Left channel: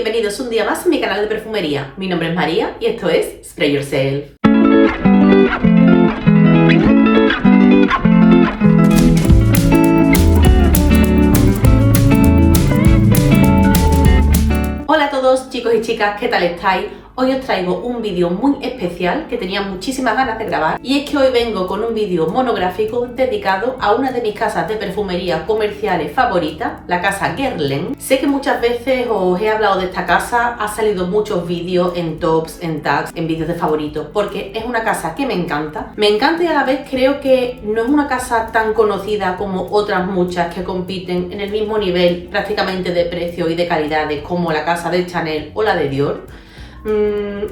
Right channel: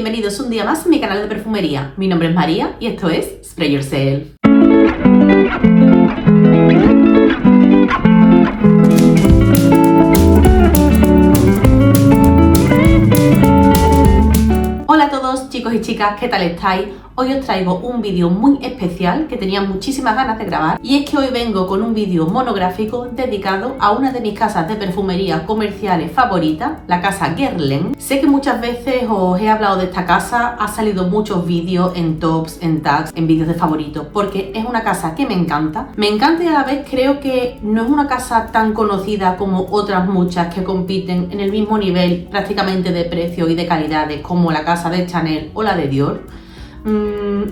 bienvenidos un día más a mi canal de perfumería. Mi nombre es María y esto es Spray Yourself. Hola a todos chicos y chicas, ¿qué tal estáis? Hoy os traigo un vídeo muy especial que tenía muchísimas ganas de grabar y es que hoy vengo con un vídeo monográfico dedicado a una de mis casas de perfumería comerciales favoritas, la casa Guerlain. Sé que muchas veces os he hablado de esta casa, ha salido muchos vídeos en tops, en tags, en vídeos de favoritos, porque es una casa que me encanta y a la vez creo que no es una casa tan conocida como otras muchas que compiten en el mismo nivel prácticamente de precio y de calidades como la casa de Chanel o la de Dior.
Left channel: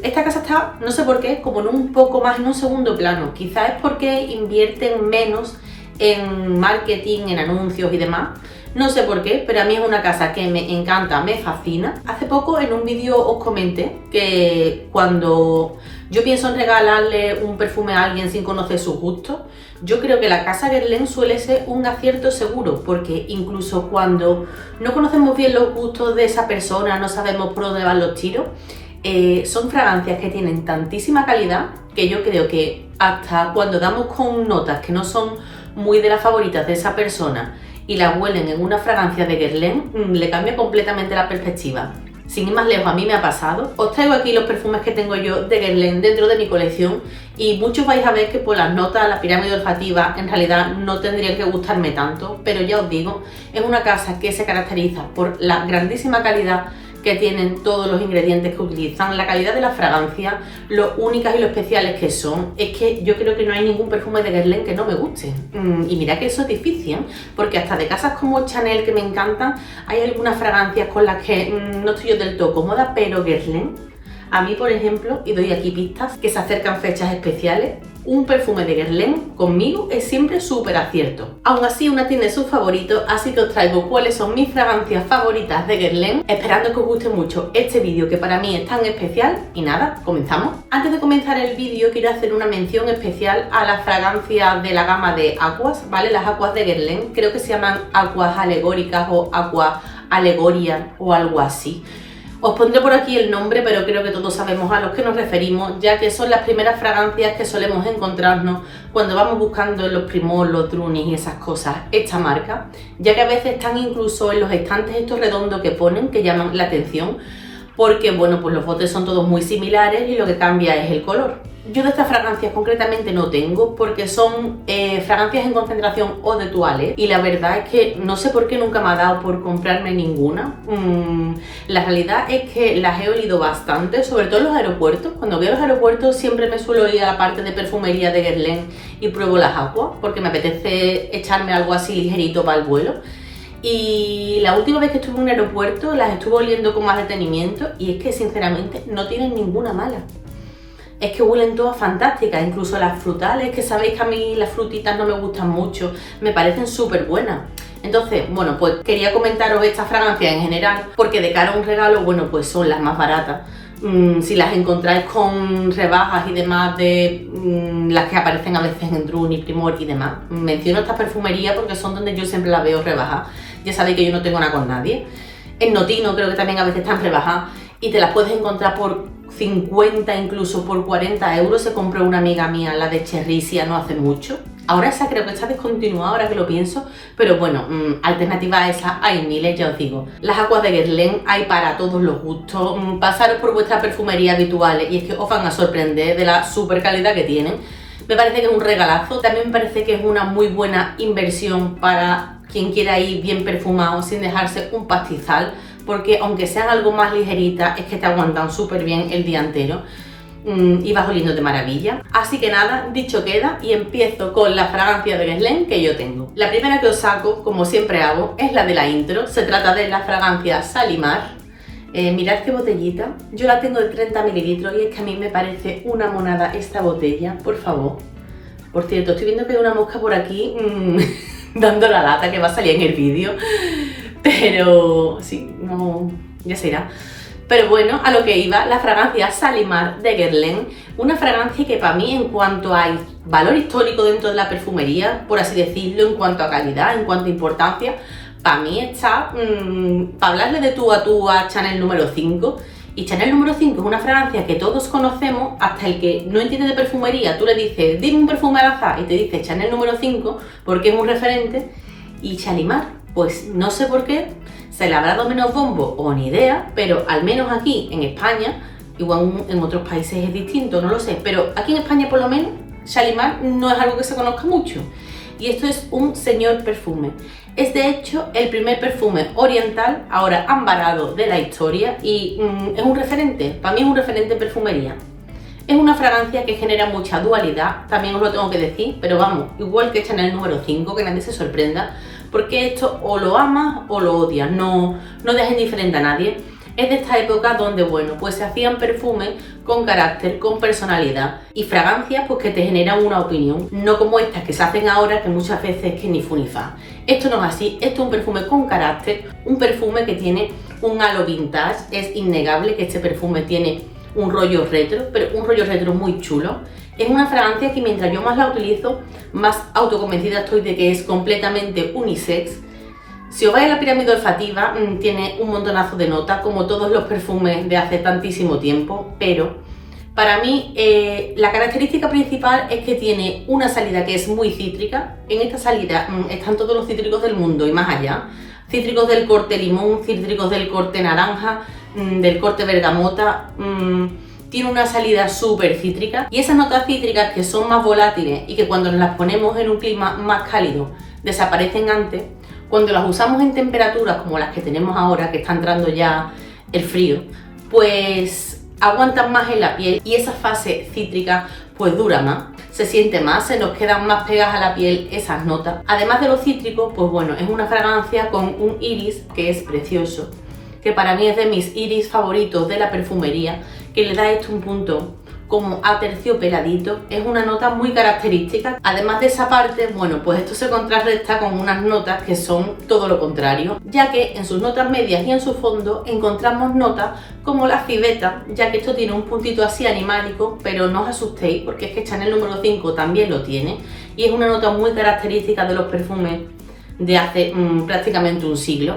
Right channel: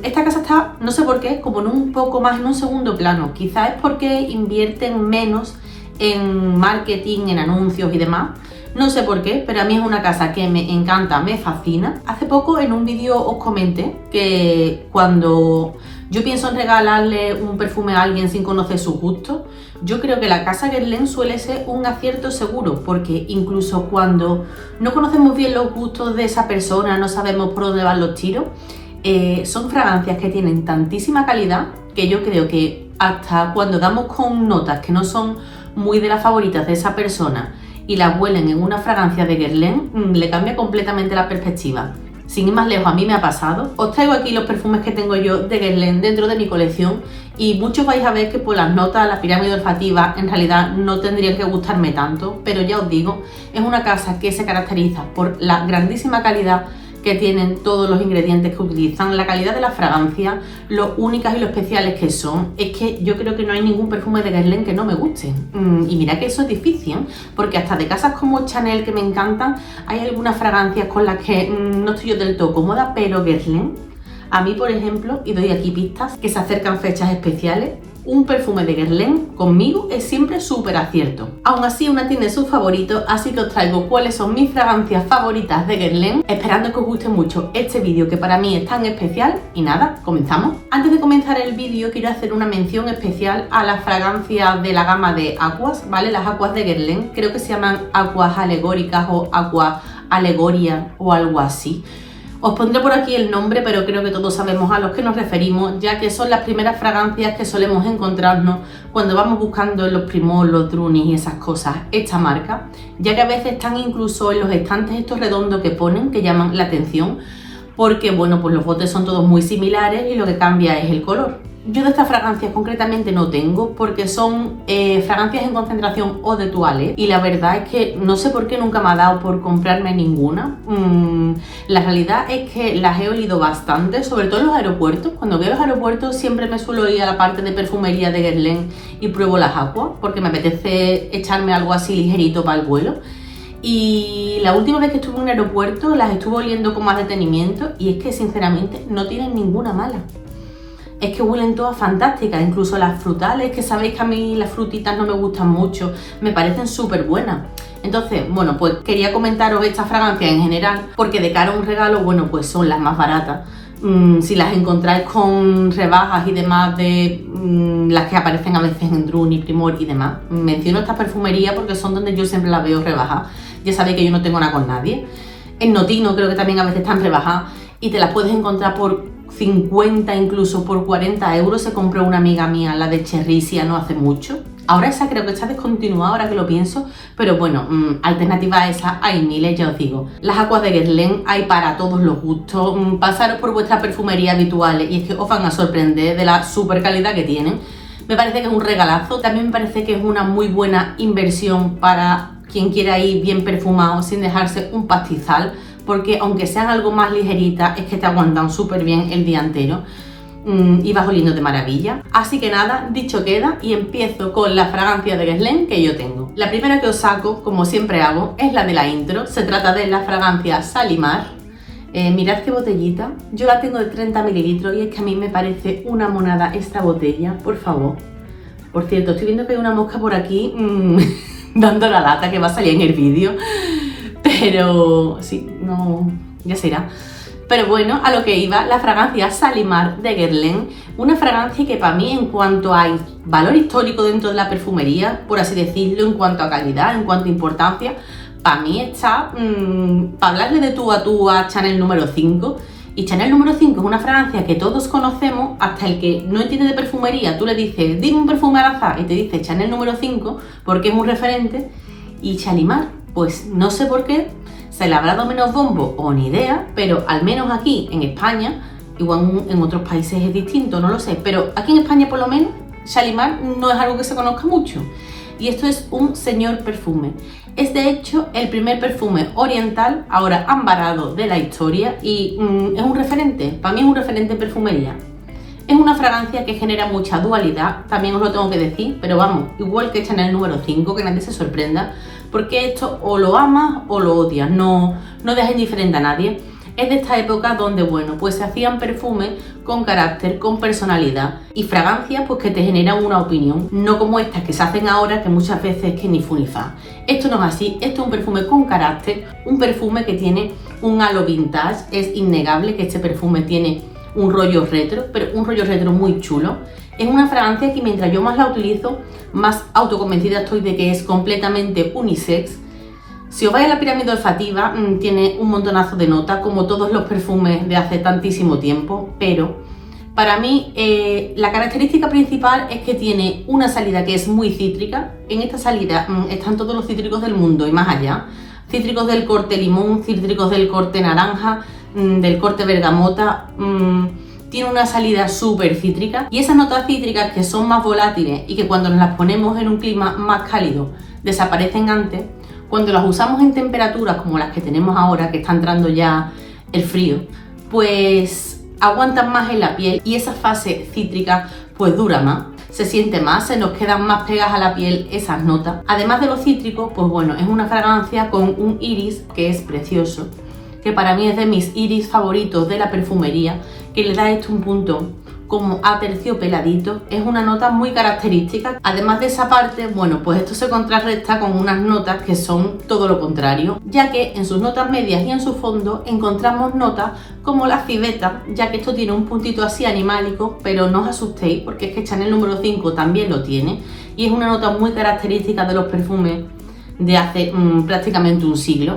Esta casa está, no sé por qué, como en un segundo plano. Quizás es porque invierten menos en marketing, en anuncios y demás. No sé por qué, pero a mí es una casa que me encanta, me fascina. Hace poco en un vídeo os comenté que cuando yo pienso en regalarle un perfume a alguien sin conocer sus gustos, yo creo que la casa Guerlain suele ser un acierto seguro, porque incluso cuando no conocemos bien los gustos de esa persona, no sabemos por dónde van los tiros, son fragancias que tienen tantísima calidad que yo creo que hasta cuando damos con notas que no son muy de las favoritas de esa persona y las huelen en una fragancia de Guerlain, le cambia completamente la perspectiva. Sin ir más lejos, a mí me ha pasado. Os traigo aquí los perfumes que tengo yo de Guerlain dentro de mi colección y muchos vais a ver que por las notas, la pirámide olfativa, en realidad no tendrían que gustarme tanto, pero ya os digo, es una casa que se caracteriza por la grandísima calidad que tienen todos los ingredientes que utilizan, la calidad de la fragancia, lo únicas y lo especiales que son. Es que yo creo que no hay ningún perfume de Guerlain que no me guste. Y mira que eso es difícil, porque hasta de casas como Chanel, que me encantan, hay algunas fragancias con las que no estoy yo del todo cómoda, pero Guerlain, a mí por ejemplo, y doy aquí pistas, que se acercan fechas especiales, un perfume de Guerlain conmigo es siempre súper acierto. Aún así, una tiene sus favoritos, así que os traigo cuáles son mis fragancias favoritas de Guerlain, esperando que os guste mucho este vídeo que para mí es tan especial. Y nada, comenzamos. Antes de comenzar el vídeo quiero hacer una mención especial a las fragancias de la gama de Aquas, ¿vale? Las Aquas de Guerlain, creo que se llaman Aquas Alegóricas o Aqua Alegoria o algo así. Os pondré por aquí el nombre, pero creo que todos sabemos a los que nos referimos, ya que son las primeras fragancias que solemos encontrarnos cuando vamos buscando en los Primor, los Drunis y esas cosas, esta marca, ya que a veces están incluso en los estantes estos redondos que ponen, que llaman la atención, porque bueno, pues los botes son todos muy similares y lo que cambia es el color. Yo de estas fragancias concretamente no tengo porque son fragancias en concentración o de toilette y la verdad es que no sé por qué nunca me ha dado por comprarme ninguna. La realidad es que las he olido bastante, sobre todo en los aeropuertos. Cuando voy a los aeropuertos siempre me suelo ir a la parte de perfumería de Guerlain y pruebo las Aquas porque me apetece echarme algo así ligerito para el vuelo. Y la última vez que estuve en un aeropuerto las estuve oliendo con más detenimiento y es que sinceramente no tienen ninguna mala. Es que huelen todas fantásticas, incluso las frutales, que sabéis que a mí las frutitas no me gustan mucho, me parecen súper buenas. Entonces, bueno, pues quería comentaros estas fragancias en general, porque de cara a un regalo, bueno, pues son las más baratas. Si las encontráis con rebajas y demás de las que aparecen a veces en Drunis, Primor y demás, menciono estas perfumerías porque son donde yo siempre las veo rebajadas. Ya sabéis que yo no tengo nada con nadie. En Notino creo que también a veces están rebajadas y te las puedes encontrar por 50, incluso por 40 euros. Se compró una amiga mía, la de Cherrisia, no hace mucho. Ahora esa creo que está descontinuada, ahora que lo pienso, pero bueno, alternativa a esa hay miles, ya os digo. Las Aquas de Guerlain hay para todos los gustos. Pasaros por vuestras perfumerías habituales y es que os van a sorprender de la super calidad que tienen. Me parece que es un regalazo, también me parece que es una muy buena inversión para quien quiera ir bien perfumado sin dejarse un pastizal, porque aunque sean algo más ligeritas, es que te aguantan súper bien el día entero y vas oliendo de maravilla. Así que nada, dicho queda y empiezo con la fragancia de Guerlain que yo tengo. La primera que os saco, como siempre hago, es la de la intro. Se trata de la fragancia Salimar. Mirad qué botellita, yo la tengo de 30 mililitros y es que a mí me parece una monada esta botella, por favor. Por cierto, estoy viendo que hay una mosca por aquí dando la lata que va a salir en el vídeo. Pero sí, no, ya se irá. Pero bueno, a lo que iba, la fragancia Salimar de Guerlain, una fragancia que para mí, en cuanto a valor histórico dentro de la perfumería, por así decirlo, en cuanto a calidad, en cuanto a importancia, para mí está para hablarle de tú a Chanel número 5. Y Chanel número 5 es una fragancia que todos conocemos, hasta el que no entiende de perfumería. Tú le dices, dime un perfume al azar, y te dice Chanel número 5 porque es un referente. Y Shalimar, pues no sé por qué, se le habrá dado menos bombo o ni idea, pero al menos aquí en España, igual en otros países es distinto, no lo sé, pero aquí en España por lo menos Shalimar no es algo que se conozca mucho. Y esto es un señor perfume. Es de hecho el primer perfume oriental, ahora ambarado, de la historia y es un referente, para mí es un referente en perfumería. Es una fragancia que genera mucha dualidad, también os lo tengo que decir, pero vamos, igual que Chanel número 5, que nadie se sorprenda, porque esto o lo amas o lo odias, no dejes indiferente a nadie. Es de esta época donde, bueno, pues se hacían perfumes con carácter, con personalidad y fragancias pues que te generan una opinión, no como estas que se hacen ahora que muchas veces que ni fu ni fa. Esto no es así, esto es un perfume con carácter, un perfume que tiene un halo vintage, es innegable que este perfume tiene un rollo retro, pero un rollo retro muy chulo. Es una fragancia que mientras yo más la utilizo, más autoconvencida estoy de que es completamente unisex. Si os vais a la pirámide olfativa, tiene un montonazo de notas, como todos los perfumes de hace tantísimo tiempo, pero para mí la característica principal es que tiene una salida que es muy cítrica. En esta salida están todos los cítricos del mundo y más allá. Cítricos del corte limón, cítricos del corte naranja, del corte bergamota. Tiene una salida súper cítrica y esas notas cítricas que son más volátiles y que cuando nos las ponemos en un clima más cálido desaparecen antes, cuando las usamos en temperaturas como las que tenemos ahora, que está entrando ya el frío, pues aguantan más en la piel y esa fase cítrica pues dura más, se siente más, se nos quedan más pegadas a la piel esas notas. Además de los cítricos, pues bueno, es una fragancia con un iris que es precioso, que para mí es de mis iris favoritos de la perfumería, que le da esto un punto como aterciopeladito, es una nota muy característica. Además de esa parte, bueno, pues esto se contrarresta con unas notas que son todo lo contrario, ya que en sus notas medias y en su fondo encontramos notas como la civeta, ya que esto tiene un puntito así animálico, pero no os asustéis porque es que Chanel número 5 también lo tiene y es una nota muy característica de los perfumes de hace prácticamente un siglo.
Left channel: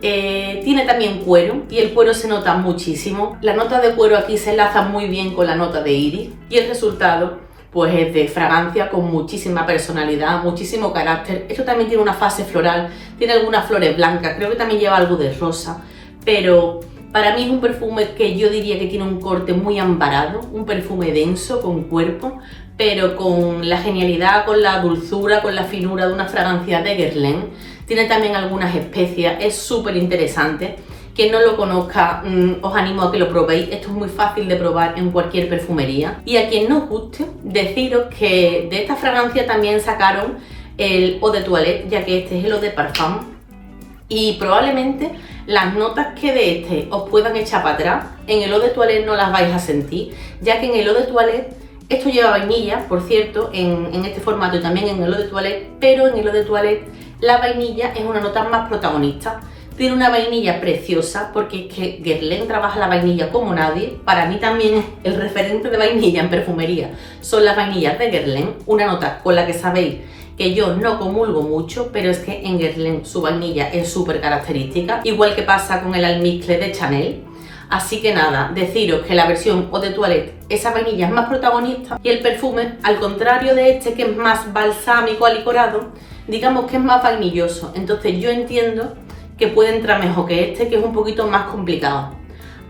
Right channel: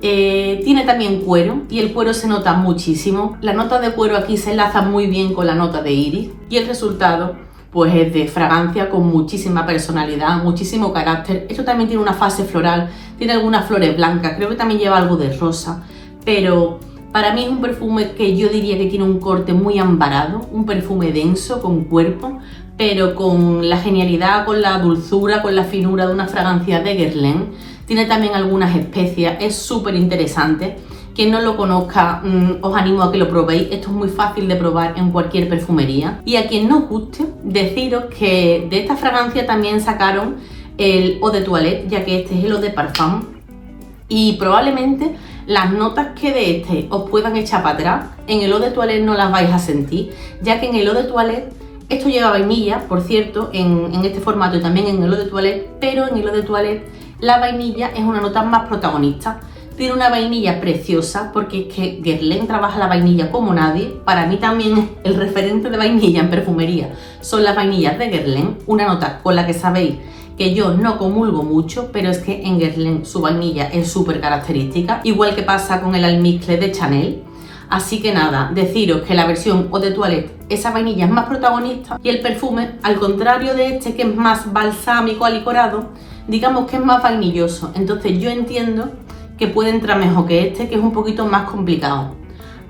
Tiene también cuero y el cuero se nota muchísimo. La nota de cuero aquí se enlaza muy bien con la nota de iris y el resultado pues es de fragancia con muchísima personalidad, muchísimo carácter. Esto también tiene una fase floral, tiene algunas flores blancas, creo que también lleva algo de rosa, pero para mí es un perfume que yo diría que tiene un corte muy ambarado, un perfume denso, con cuerpo, pero con la genialidad, con la dulzura, con la finura de una fragancia de Guerlain. Tiene también algunas especias, es súper interesante. Quien no lo conozca, os animo a que lo probéis. Esto es muy fácil de probar en cualquier perfumería. Y a quien no os guste, deciros que de esta fragancia también sacaron el Eau de Toilette, ya que este es el Eau de Parfum. Y probablemente las notas que de este os puedan echar para atrás, en el Eau de Toilette no las vais a sentir, ya que en el Eau de Toilette, esto lleva vainilla, por cierto, en este formato y también en el Eau de Toilette, pero en el Eau de Toilette la vainilla es una nota más protagonista. Tiene una vainilla preciosa porque es que Guerlain trabaja la vainilla como nadie. Para mí también el referente de vainilla en perfumería son las vainillas de Guerlain, una nota con la que sabéis que yo no comulgo mucho, pero es que en Guerlain su vainilla es súper característica, igual que pasa con el almizcle de Chanel. Así que nada, deciros que la versión Eau de Toilette, esa vainilla es más protagonista y el perfume, al contrario de este que es más balsámico, alicorado, digamos que es más vainilloso. Entonces yo entiendo que puede entrar mejor que este, que es un poquito más complicado.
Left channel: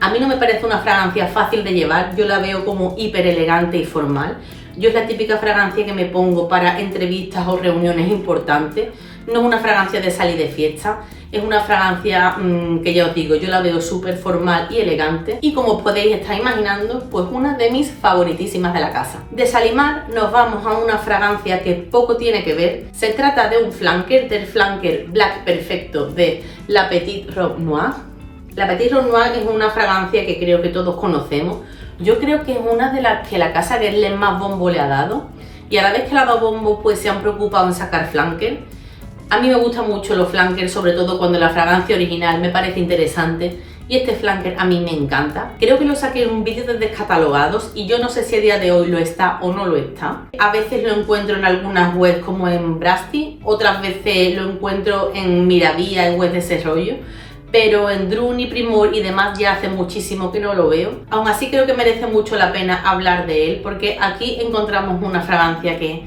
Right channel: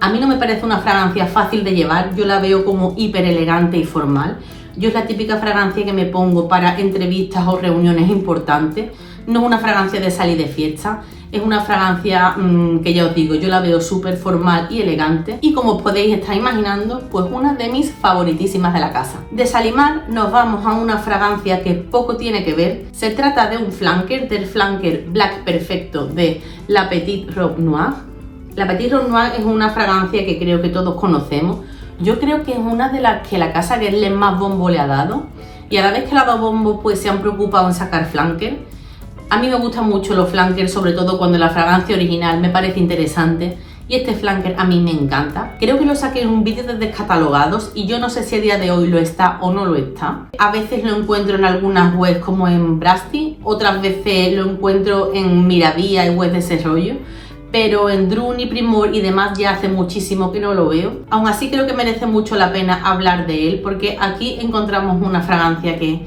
A mí no me parece una fragancia fácil de llevar, yo la veo como hiper elegante y formal. Yo es la típica fragancia que me pongo para entrevistas o reuniones importantes. No es una fragancia de salir de fiesta, es una fragancia que ya os digo, yo la veo súper formal y elegante y como os podéis estar imaginando, pues una de mis favoritísimas de la casa. De Shalimar nos vamos a una fragancia que poco tiene que ver. Se trata de un flanker, del flanker Black Perfecto de La Petite Robe Noire. La Petite Robe Noire es una fragancia que creo que todos conocemos. Yo creo que es una de las que la casa Guerlain más bombo le ha dado y a la vez que le ha dado bombo pues se han preocupado en sacar flanker. A mí me gustan mucho los flankers, sobre todo cuando la fragancia original me parece interesante y este flanker a mí me encanta. Creo que lo saqué en un vídeo de descatalogados y yo no sé si a día de hoy lo está o no lo está. A veces lo encuentro en algunas webs como en Brasty otras veces lo encuentro en Miravía y web de ese rollo, pero en Druni, Primor y demás ya hace muchísimo que no lo veo. Aún así creo que merece mucho la pena hablar de él, porque aquí encontramos una fragancia que...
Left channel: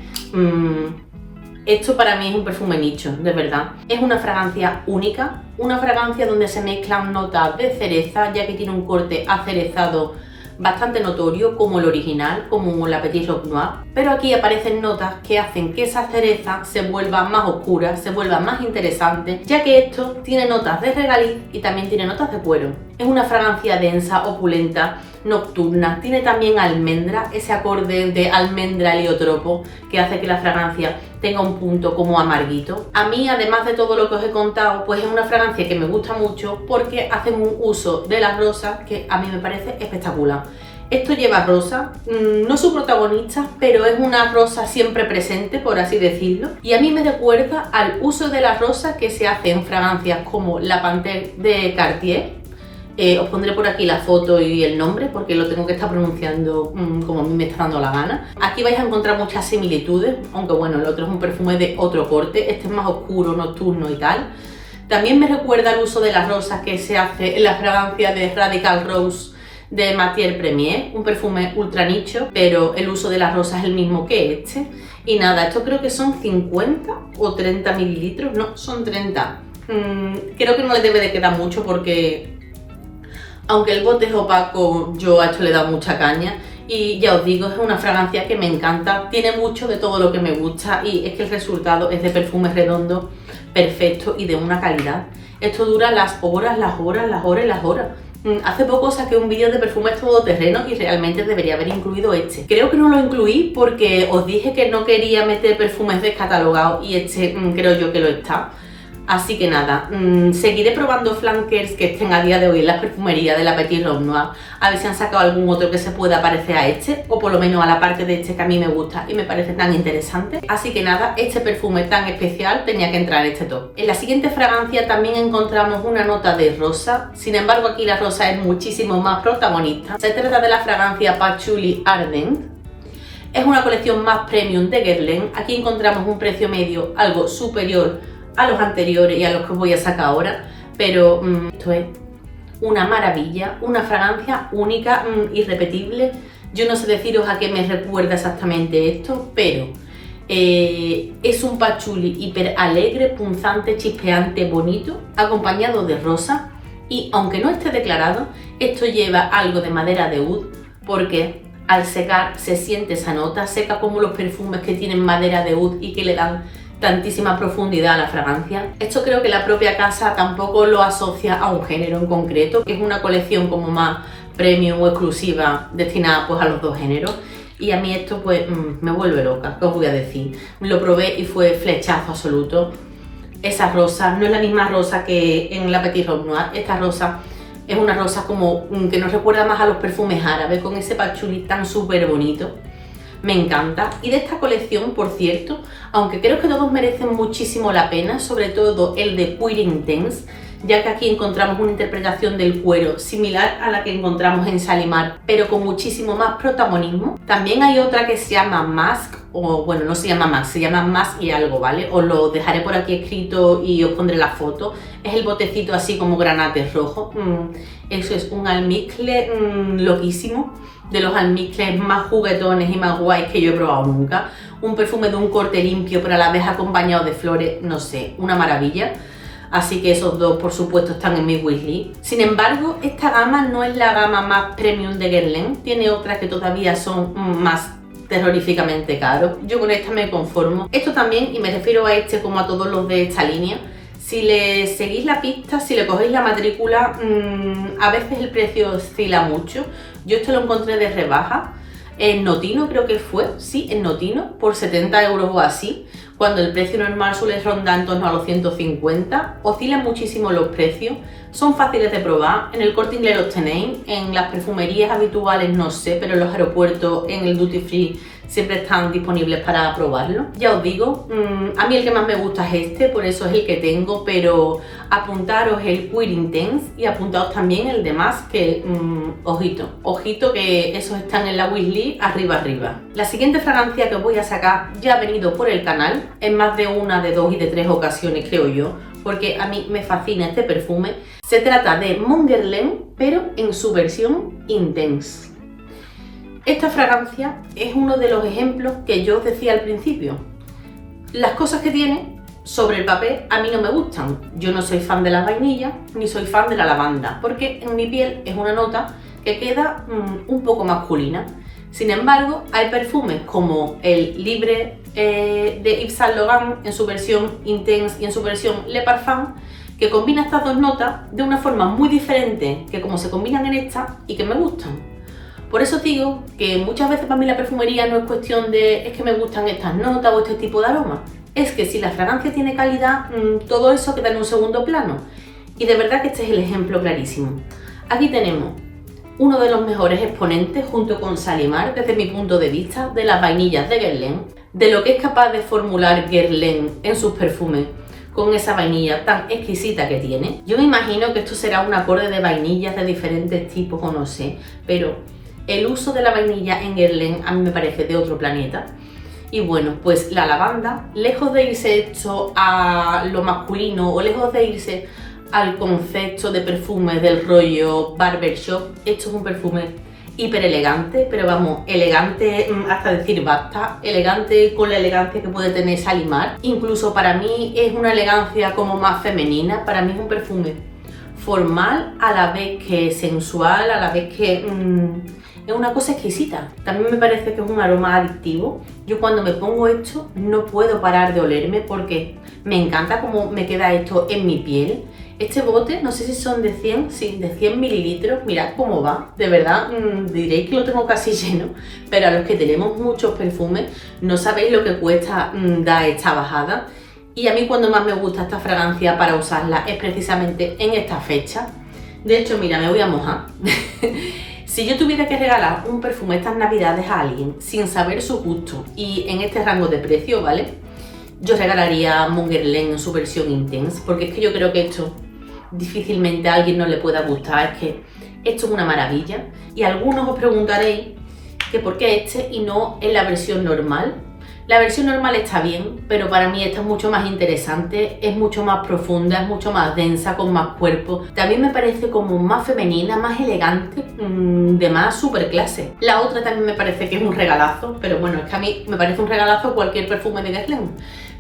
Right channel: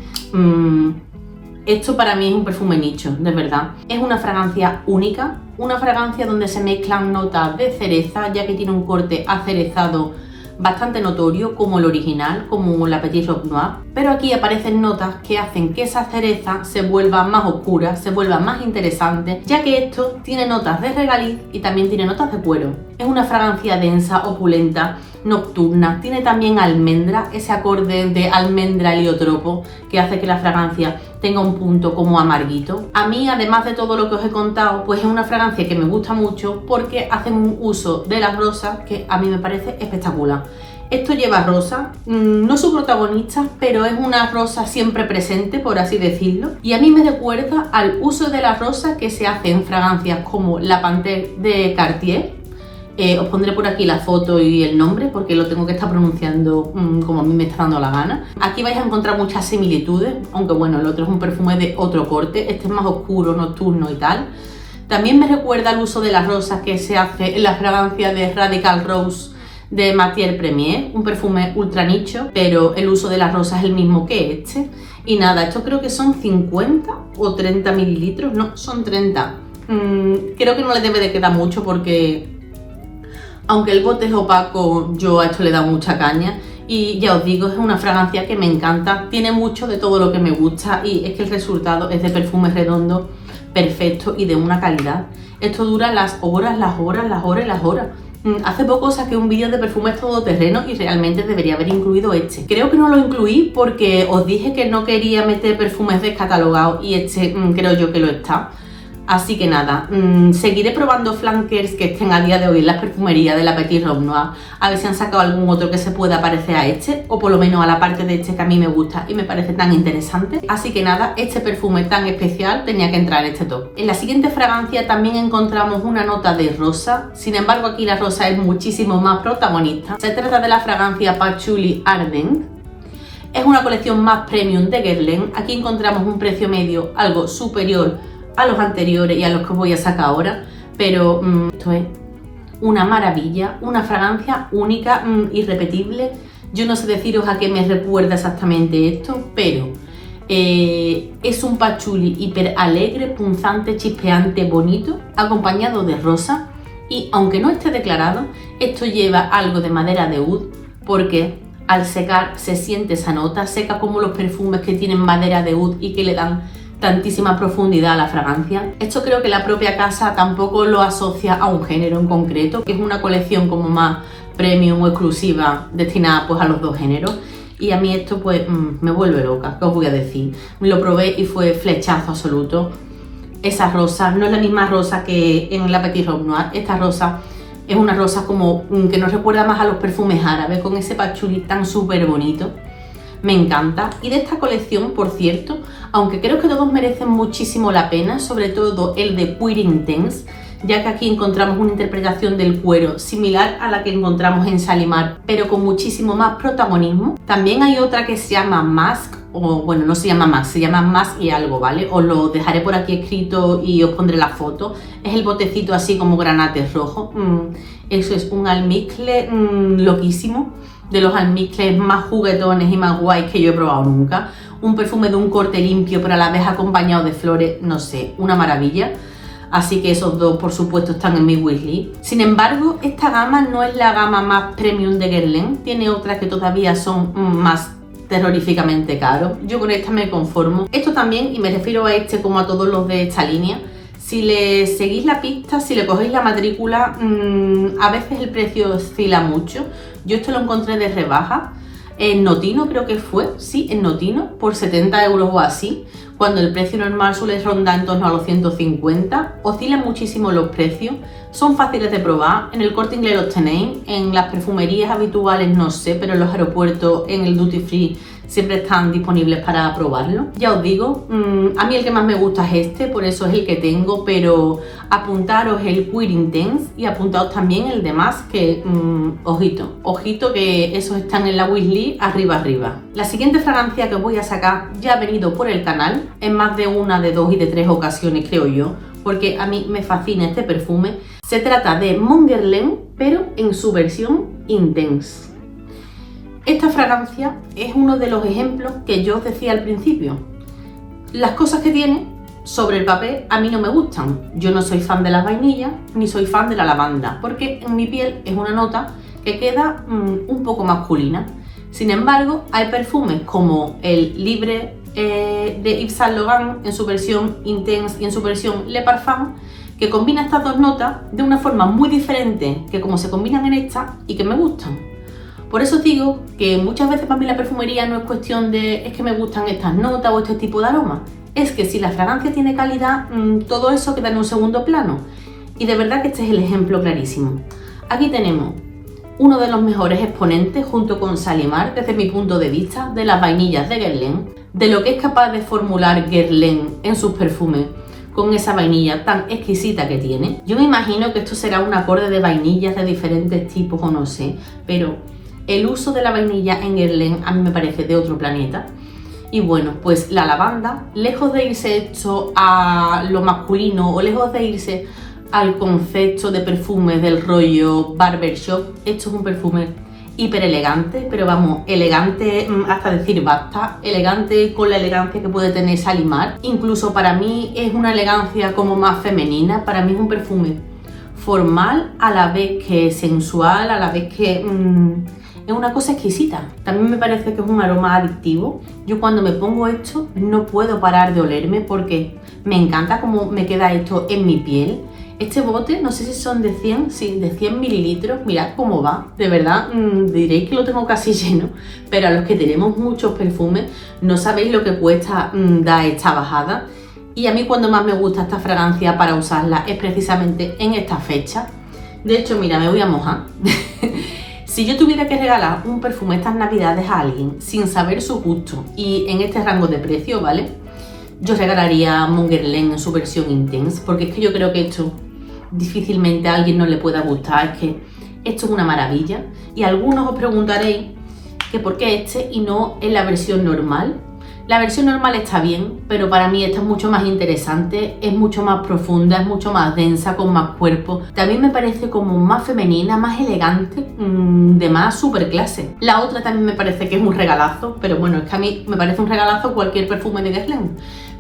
esto para mí es un perfume nicho, de verdad. Es una fragancia única, una fragancia donde se mezclan notas de cereza, ya que tiene un corte acerezado bastante notorio, como el original, como la Petit Robe Noir, pero aquí aparecen notas que hacen que esa cereza se vuelva más oscura, se vuelva más interesante, ya que esto tiene notas de regaliz y también tiene notas de cuero. Es una fragancia densa, opulenta, nocturna, tiene también almendra, ese acorde de almendra heliotropo que hace que la fragancia tenga un punto como amarguito. A mí, además de todo lo que os he contado, pues es una fragancia que me gusta mucho porque hacen un uso de las rosas que a mí me parece espectacular. Esto lleva rosa, no su protagonista, pero es una rosa siempre presente, por así decirlo, y a mí me recuerda al uso de la rosa que se hace en fragancias como la Panthère de Cartier. Os pondré por aquí la foto y el nombre porque lo tengo que estar pronunciando como a mí me está dando la gana. Aquí vais a encontrar muchas similitudes, aunque bueno, el otro es un perfume de otro corte, este es más oscuro, nocturno y tal. También me recuerda el uso de las rosas que se hace en la fragancia de Radical Rose de Matière Premier, un perfume ultra nicho, pero el uso de las rosas es el mismo que este. Y nada, esto creo que son 50 o 30 mililitros, no, son 30. Creo que no le debe de quedar mucho porque... aunque el bote es opaco, yo a esto le he dado mucha caña y ya os digo, es una fragancia que me encanta, tiene mucho de todo lo que me gusta y es que el resultado es de perfume redondo, perfecto y de una calidad. Esto dura las horas, las horas, las horas y las horas. Hace poco saqué un vídeo de perfumes todoterreno y realmente debería haber incluido este. Creo que no lo incluí porque os dije que no quería meter perfumes descatalogados y este creo yo que lo está. Así que nada, seguiré probando flankers que estén a día de hoy en las perfumerías de la Petit Robe Noir, a ver si han sacado algún otro que se pueda parecer a este, o por lo menos a la parte de este que a mí me gusta y me parece tan interesante. Así que nada, este perfume tan especial tenía que entrar en este top. En la siguiente fragancia también encontramos una nota de rosa, sin embargo aquí la rosa es muchísimo más protagonista. Se trata de la fragancia Patchouli Ardent. Es una colección más premium de Guerlain. Aquí encontramos un precio medio algo superior a los anteriores y a los que os voy a sacar ahora, pero esto es una maravilla, una fragancia única, irrepetible. Yo no sé deciros a qué me recuerda exactamente esto, pero es un patchouli hiper alegre, punzante, chispeante, bonito, acompañado de rosa, y aunque no esté declarado, esto lleva algo de madera de oud porque al secar se siente esa nota, seca como los perfumes que tienen madera de oud y que le dan tantísima profundidad a la fragancia. Esto creo que la propia casa tampoco lo asocia a un género en concreto, que es una colección como más premium o exclusiva destinada pues a los dos géneros, y a mí esto pues me vuelve loca, ¿qué os voy a decir? Lo probé y fue flechazo absoluto. Esa rosa no es la misma rosa que en la Petit Robe Noir, esta rosa es una rosa como que nos recuerda más a los perfumes árabes, con ese patchouli tan súper bonito. Me encanta. Y de esta colección, por cierto, aunque creo que todos merecen muchísimo la pena, sobre todo el de Pure Intense, ya que aquí encontramos una interpretación del cuero similar a la que encontramos en Shalimar, pero con muchísimo más protagonismo. También hay otra que se llama Mask, o bueno, no se llama Mask, se llama Mask y algo, ¿vale? Os lo dejaré por aquí escrito y os pondré la foto. Es el botecito así como granate rojo. Eso es un almizcle loquísimo, de los almizcles más juguetones y más guays que yo he probado nunca. Un perfume de un corte limpio pero a la vez acompañado de flores, no sé, una maravilla. Así que esos dos por supuesto están en mi wishlist. Sin embargo, esta gama no es la gama más premium de Guerlain, tiene otras que todavía son más terroríficamente caros. Yo con esta me conformo. Esto también, y me refiero a este como a todos los de esta línea, si le seguís la pista, si le cogéis la matrícula, a veces el precio oscila mucho. Yo esto lo encontré de rebaja, en Notino creo que fue, sí, en Notino, por 70 euros o así, cuando el precio normal suele rondar en torno a los 150. Oscilan muchísimo los precios, son fáciles de probar, en el Corte Inglés los tenéis, en las perfumerías habituales no sé, pero en los aeropuertos, en el duty free siempre están disponibles para probarlo. Ya os digo, a mí el que más me gusta es este, por eso es el que tengo, pero apuntaros el Queer Intense y apuntaos también el de Mask, que ojito que esos están en la wishlist arriba. La siguiente fragancia que os voy a sacar ya ha venido por el canal en más de una, de dos y de tres ocasiones, creo yo, porque a mí me fascina este perfume. Se trata de Mon Guerlain, pero en su versión Intense. Esta fragancia es uno de los ejemplos que yo os decía al principio. Las cosas que tiene sobre el papel a mí no me gustan. Yo no soy fan de la vainilla ni soy fan de la lavanda, porque en mi piel es una nota que queda un poco masculina. Sin embargo, hay perfumes como el Libre de Yves Saint Laurent en su versión Intense y en su versión Le Parfum, que combina estas dos notas de una forma muy diferente que como se combinan en esta y que me gustan. Por eso digo que muchas veces para mí la perfumería no es cuestión de es que me gustan estas notas o este tipo de aromas. Es que si la fragancia tiene calidad, todo eso queda en un segundo plano. Y de verdad que este es el ejemplo clarísimo. Aquí tenemos uno de los mejores exponentes junto con Shalimar, desde mi punto de vista, de las vainillas de Guerlain, de lo que es capaz de formular Guerlain en sus perfumes con esa vainilla tan exquisita que tiene. Yo me imagino que esto será un acorde de vainillas de diferentes tipos o no sé, pero el uso de la vainilla en Guerlain a mí me parece de otro planeta. Y bueno, pues la lavanda, lejos de irse esto a lo masculino o lejos de irse al concepto de perfumes del rollo barbershop, esto es un perfume hiper elegante, pero vamos, elegante hasta decir basta, elegante con la elegancia que puede tener Shalimar. Incluso para mí es una elegancia como más femenina, para mí es un perfume formal a la vez que sensual, a la vez que es una cosa exquisita. También me parece que es un aroma adictivo. Yo cuando me pongo esto no puedo parar de olerme porque me encanta cómo me queda esto en mi piel. Este bote, no sé si son de 100, sí, de 100 mililitros, mirad cómo va, de verdad, diréis que lo tengo casi lleno, pero a los que tenemos muchos perfumes no sabéis lo que cuesta dar esta bajada. Y a mí cuando más me gusta esta fragancia para usarla es precisamente en esta fecha. De hecho, mira, me voy a mojar. Si yo tuviera que regalar un perfume estas navidades a alguien sin saber su gusto y en este rango de precio, ¿vale? Yo regalaría Mon Guerlain en su versión Intense, porque es que yo creo que esto difícilmente a alguien no le pueda gustar, es que esto es una maravilla. Y algunos os preguntaréis que por qué este y no en la versión normal. La versión normal está bien, pero para mí esta es mucho más interesante, es mucho más profunda, es mucho más densa, con más cuerpo. También me parece como más femenina, más elegante, de más super clase. La otra también me parece que es un regalazo, pero bueno, es que a mí me parece un regalazo cualquier perfume de Guerlain.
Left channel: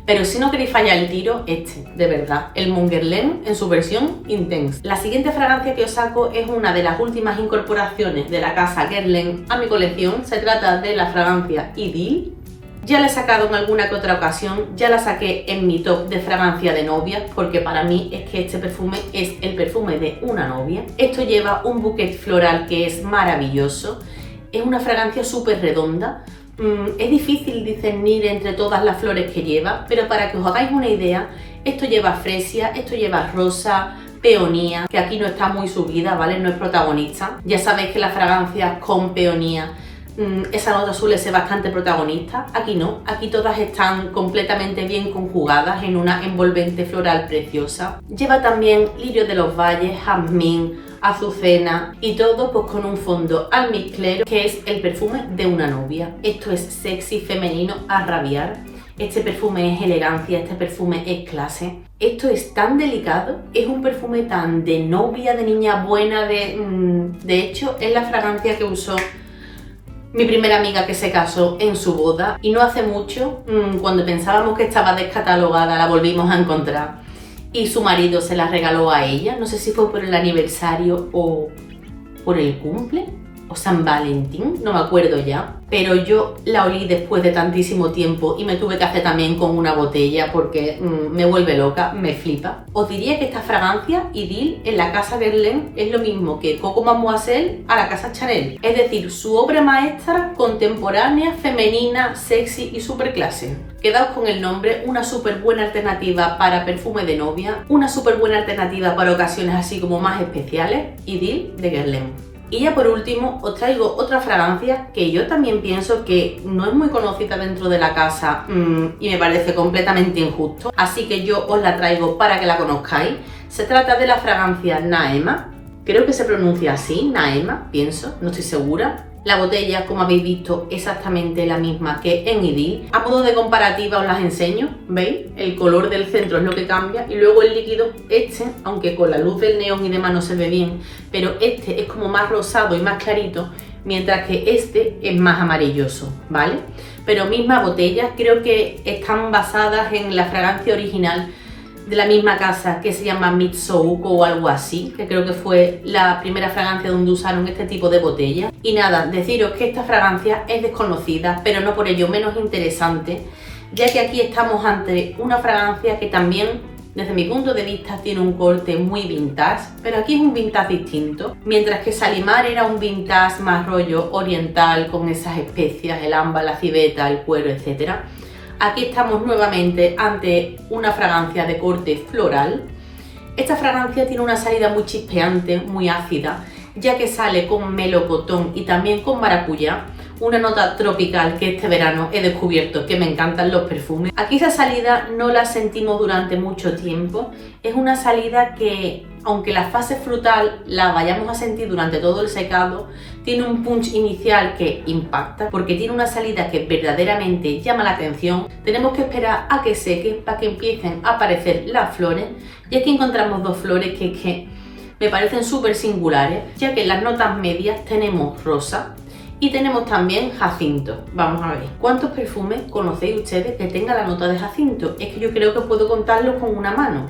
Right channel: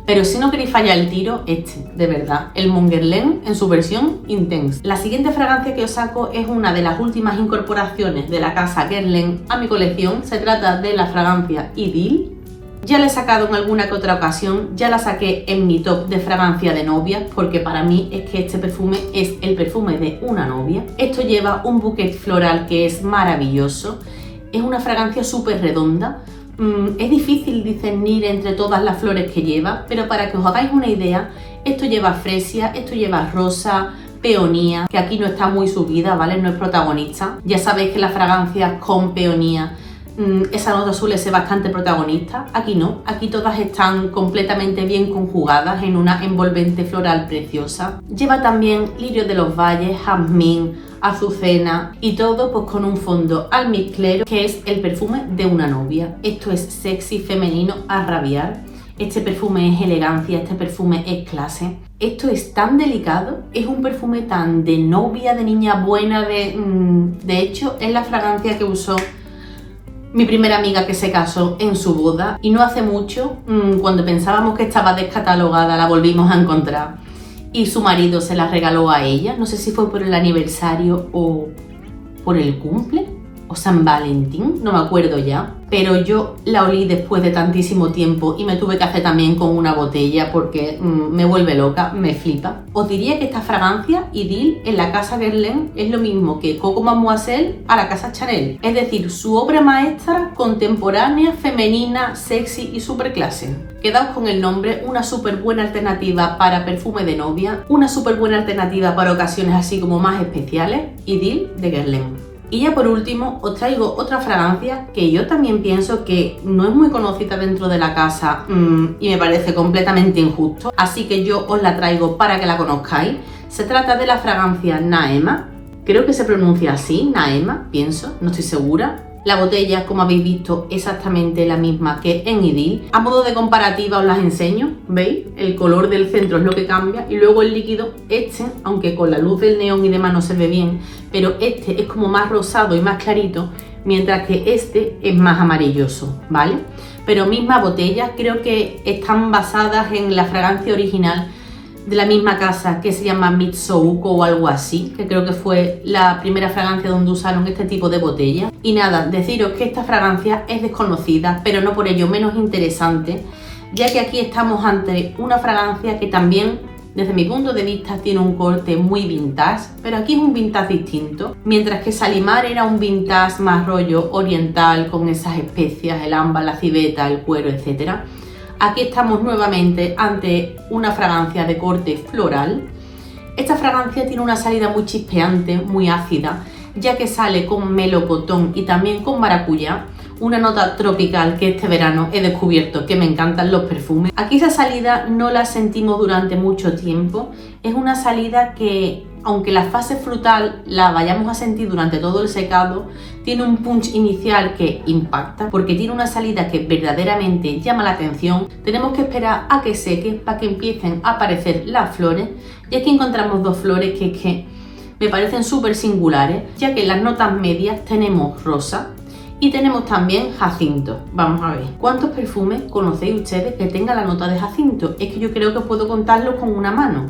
Pero si no queréis fallar el tiro, este, de verdad, el Mon Guerlain en su versión Intense. La siguiente fragancia que os saco es una de las últimas incorporaciones de la casa Guerlain a mi colección. Se trata de la fragancia Idylle. Ya la he sacado en alguna que otra ocasión, ya la saqué en mi top de fragancia de novia, porque para mí es que este perfume es el perfume de una novia. Esto lleva un bouquet floral que es maravilloso, es una fragancia súper redonda. Es difícil discernir entre todas las flores que lleva, pero para que os hagáis una idea, esto lleva fresia, esto lleva rosa, peonía, que aquí no está muy subida, ¿vale? No es protagonista. Ya sabéis que las fragancias con peonía, esa nota suele ser bastante protagonista. Aquí no, aquí todas están completamente bien conjugadas en una envolvente floral preciosa. Lleva también lirio de los valles, jazmín, azucena y todo pues con un fondo almizclero, que es el perfume de una novia. Esto es sexy, femenino a rabiar. Este perfume es elegancia, este perfume es clase. Esto es tan delicado, es un perfume tan de novia, de niña buena, de hecho es la fragancia que usó mi primera amiga que se casó en su boda, y no hace mucho, cuando pensábamos que estaba descatalogada, la volvimos a encontrar y su marido se la regaló a ella. No sé si fue por el aniversario o por el cumple o San Valentín, no me acuerdo ya, pero yo la olí después de tantísimo tiempo y me tuve que hacer también con una botella porque me vuelve loca, me flipa. Os diría que esta fragancia Idylle en la casa Guerlain es lo mismo que Coco Mademoiselle a la casa Chanel, es decir, su obra maestra contemporánea, femenina, sexy y super clase. Quedaos con el nombre, una súper buena alternativa para perfume de novia, una súper buena alternativa para ocasiones así como más especiales, Idylle de Guerlain. Y ya por último os traigo otra fragancia que yo también pienso que no es muy conocida dentro de la casa y me parece completamente injusto, así que yo os la traigo para que la conozcáis. Se trata de la fragancia Naema, creo que se pronuncia así, Naema, pienso, no estoy segura. La botella, como habéis visto, exactamente la misma que en Idyll. A modo de comparativa os las enseño, ¿veis? El color del centro es lo que cambia y luego el líquido, aunque con la luz del neón y demás no se ve bien, pero este es como más rosado y más clarito, mientras que este es más amarilloso, ¿vale? Pero misma botella, creo que están basadas en la fragancia original de la misma casa que se llama Mitsouko o algo así, que creo que fue la primera fragancia donde usaron este tipo de botella. Y nada, deciros que esta fragancia es desconocida, pero no por ello menos interesante, ya que aquí estamos ante una fragancia que también, desde mi punto de vista, tiene un corte muy vintage, pero aquí es un vintage distinto. Mientras que Shalimar era un vintage más rollo oriental, con esas especias, el ámbar, la civeta, el cuero, etcétera. Aquí estamos nuevamente ante una fragancia de corte floral. Esta fragancia tiene una salida muy chispeante, muy ácida, ya que sale con melocotón y también con maracuyá, una nota tropical que este verano he descubierto que me encantan los perfumes. Aquí esa salida no la sentimos durante mucho tiempo, es una salida que, aunque la fase frutal la vayamos a sentir durante todo el secado, tiene un punch inicial que impacta porque tiene una salida que verdaderamente llama la atención. Tenemos que esperar a que seque para que empiecen a aparecer las flores, y aquí encontramos dos flores que me parecen súper singulares, ya que en las notas medias tenemos rosa y tenemos también jacinto. Vamos a ver, ¿cuántos perfumes conocéis ustedes que tengan la nota de jacinto? Es que yo creo que puedo contarlos con una mano.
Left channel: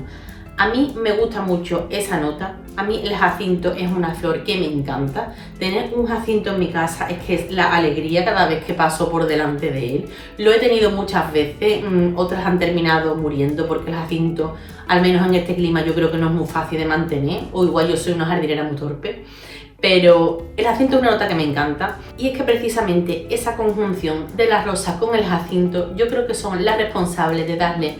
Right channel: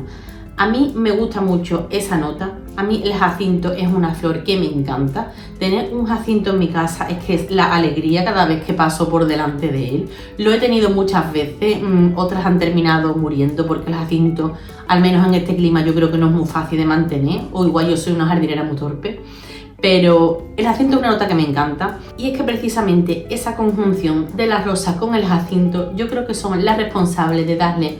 A mí me gusta mucho esa nota. A mí el jacinto es una flor que me encanta. Tener un jacinto en mi casa es que es la alegría cada vez que paso por delante de él. Lo he tenido muchas veces, otras han terminado muriendo porque el jacinto, al menos en este clima, yo creo que no es muy fácil de mantener, o igual yo soy una jardinera muy torpe. Pero el jacinto es una nota que me encanta, y es que precisamente esa conjunción de las rosas con el jacinto yo creo que son las responsables de darle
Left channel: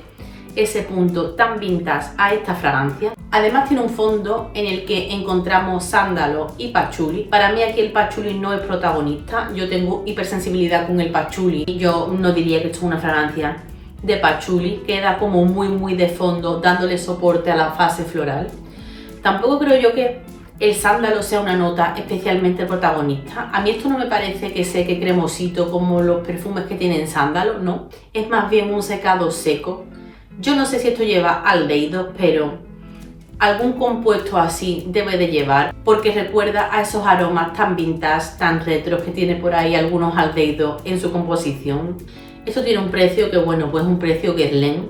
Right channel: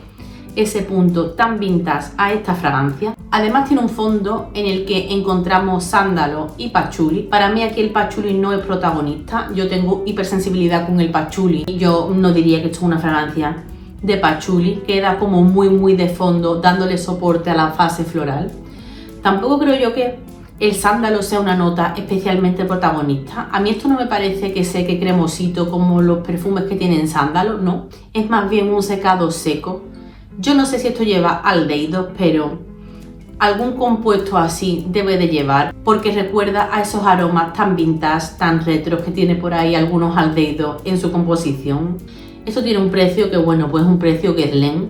ese punto tan vintage a esta fragancia. Además tiene un fondo en el que encontramos sándalo y pachuli. Para mí aquí el pachuli no es protagonista, yo tengo hipersensibilidad con el pachuli y yo no diría que esto es una fragancia de pachuli, queda como muy de fondo dándole soporte a la fase floral. Tampoco creo yo que el sándalo sea una nota especialmente protagonista. A mí esto no me parece que seque cremosito como los perfumes que tienen sándalo, no, es más bien un secado seco. Yo no sé si esto lleva aldehídos, pero algún compuesto así debe de llevar, porque recuerda a esos aromas tan vintage, tan retros que tiene por ahí algunos aldehídos en su composición. Esto tiene un precio que, bueno, pues un precio Guerlain.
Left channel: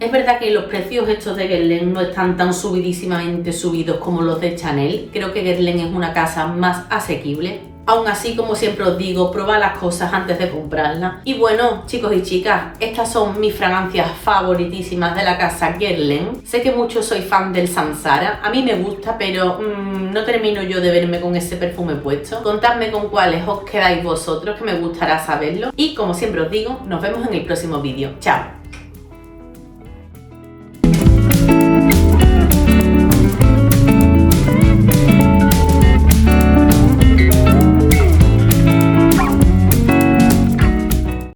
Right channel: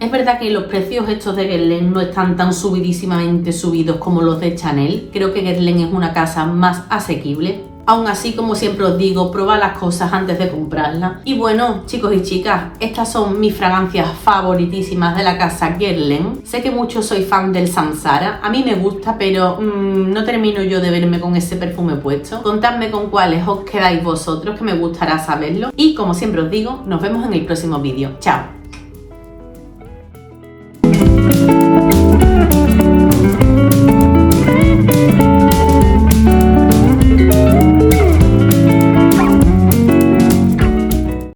Es verdad que los precios estos de Guerlain no están tan subidísimamente subidos como los de Chanel. Creo que Guerlain es una casa más asequible. Aún así, como siempre os digo, probad las cosas antes de comprarlas. Y bueno, chicos y chicas, estas son mis fragancias favoritísimas de la casa Guerlain. Sé que muchos sois fan del Sansara, a mí me gusta, pero no termino yo de verme con ese perfume puesto. Contadme con cuáles os quedáis vosotros, que me gustará saberlo. Y como siempre os digo, nos vemos en el próximo vídeo. ¡Chao!